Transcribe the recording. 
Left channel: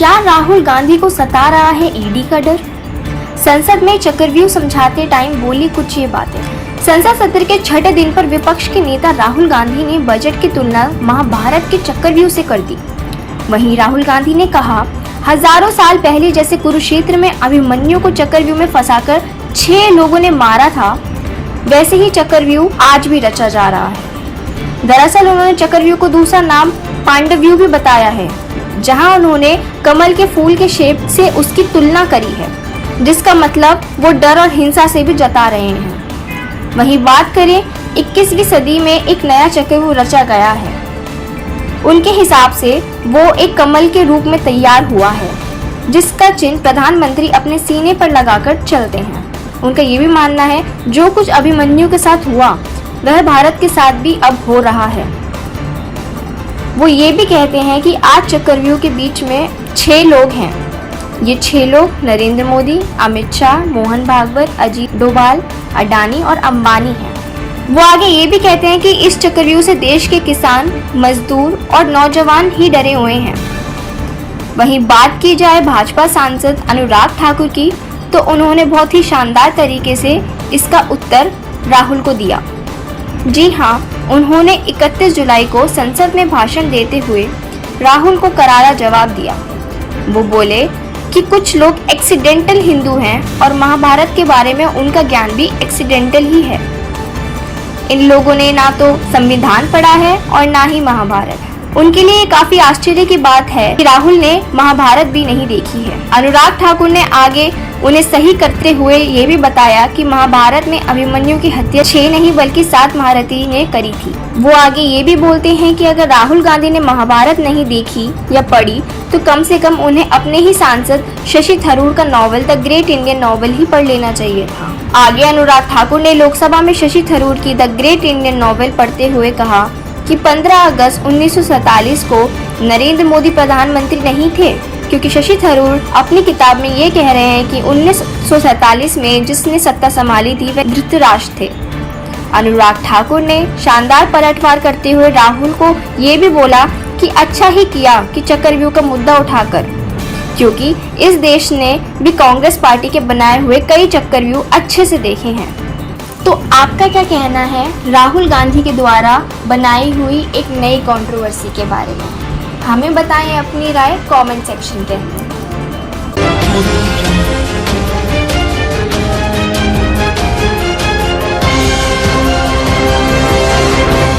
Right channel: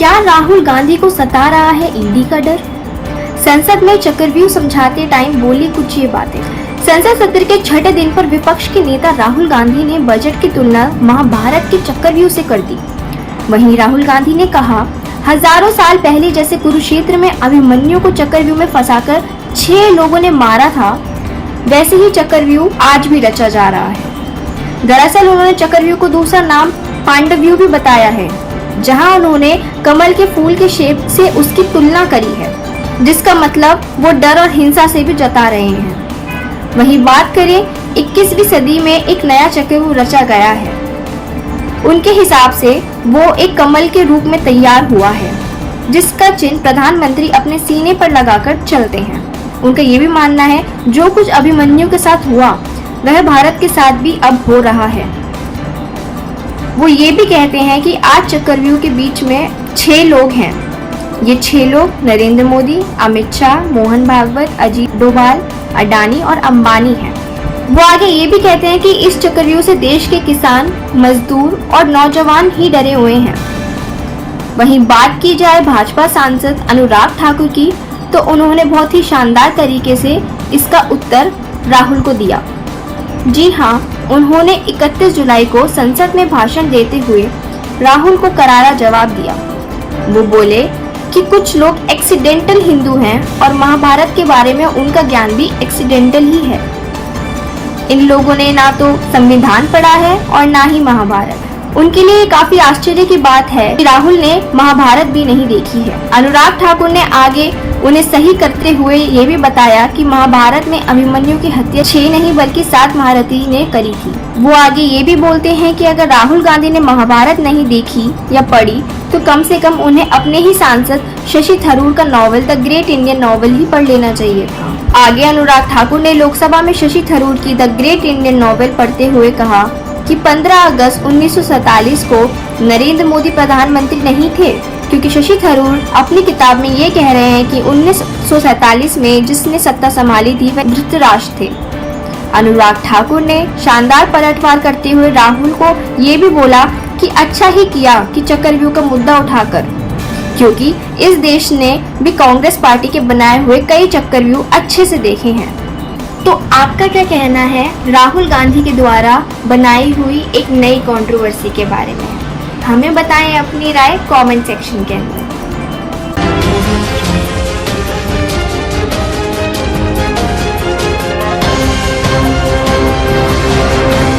क्या राहुल गांधी को सता रहा है ईडी का डर? संसद में चक्रव्यूह समझाते टाइम बोली कुछ ये बातें। संसद सत्र के छठे दिन पर विपक्ष के नेता राहुल गांधी ने बजट की तुलना महाभारत के चक्रव्यूह से कर दी। वहीं राहुल गांधी ने कहा, हजारों साल पहले जैसे कुरुक्षेत्र में अभिमन्यु को चक्रव्यूह में फंसाकर 6 लोगों ने मारा था, वैसे ही चक्रव्यूह आज भी रचा जा रहा है। दरअसल उन्होंने चक्रव्यूह को दूसरा नाम पांडव्यूह भी बताया है, जहां उन्होंने कमल के फूल के शेप से उसकी तुलना करी है, जिसका मतलब वो डर और हिंसा से भी जता रहे हैं। वहीं बात करें 21वीं सदी में एक नया चक्रव्यूह रचा गया है। उनके हिसाब से वो एक कमल के रूप में तैयार हुआ है, जिसका चिन्ह प्रधानमंत्री अपने सीने पर लगाकर चलते हैं। उनका ये भी मानना है जो कुछ अभिमन्यु के साथ हुआ वह भारत के साथ भी अब हो रहा है। वो ये भी कहते हैं कि आज चक्रव्यूह के बीच में 6 लोग हैं। ये 6 लोग नरेंद्र मोदी, अमित शाह, मोहन भागवत, अजीत डोभाल, अडानी और अंबानी हैं। वो आगे ये भी कहते हैं कि इस चक्रव्यूह से देश के किसान, मजदूर और नौजवान ही डरे हुए हैं। वहीं बात की जाए भाजपा सांसद अनुराग ठाकुर की, तो उन्होंने बहुत ही शानदार तरीके से इसका उत्तर राहुल को दिया। जी हाँ, उन्होंने 31 जुलाई को संसद में भाषण देते हुए राहुल को करारा जवाब दिया। वो बोले कि कुछ लोग एक्सीडेंटल हिंदू हैं और महाभारत के बारे में उनका ज्ञान भी एक्सीडेंटल ही है। इन लोगों ने ना तो संविधान पढ़ा है और ना ही महाभारत। उनके लिए काफी आश्चर्य की बात है कि राहुल ने महाभारत भी नहीं देखी है। अनुराग ठाकुर ने आगे उन्हें सही करते हुए ये भी बताया कि महाभारत में अभिमन्यु की हत्या 6 नहीं बल्कि 7 महारथी ने करी थी। वो आगे ये भी बोलते हैं कि अगर राहुल गांधी ने महाभारत नहीं देखी या पढ़ी तो कम से कम उन्हें अपने ही सांसद शशि थरूर का novel the great Indian novel ही पढ़ लेना चाहिए था। आगे अनुराग ठाकुर ने लोकसभा में शशि थरूर की द ग्रेट इंडियन नॉवल पढ़ते हुए कहा कि 15 अगस्त 1947 को नरेंद्र मोदी प्रधानमंत्री नहीं थे, क्योंकि शशि थरूर अपनी किताब में ये कह रहे हैं कि 1947 में जिसने सत्ता संभाली थी वह धृतराष्ट्र थे। अनुराग ठाकुर ने शानदार पलटवार करते हुए राहुल को ये भी बोला कि अच्छा ही किया कि चक्रव्यूह का मुद्दा उठाकर, क्योंकि इस देश ने भी कांग्रेस पार्टी के बनाए हुए कई चक्रव्यूह अच्छे से देखे हैं। तो आपका क्या कहना है राहुल गांधी के द्वारा बनाई हुई एक नई कंट्रोवर्सी के बारे में? हमें बताएं अपनी राय कमेंट सेक्शन के अंदर।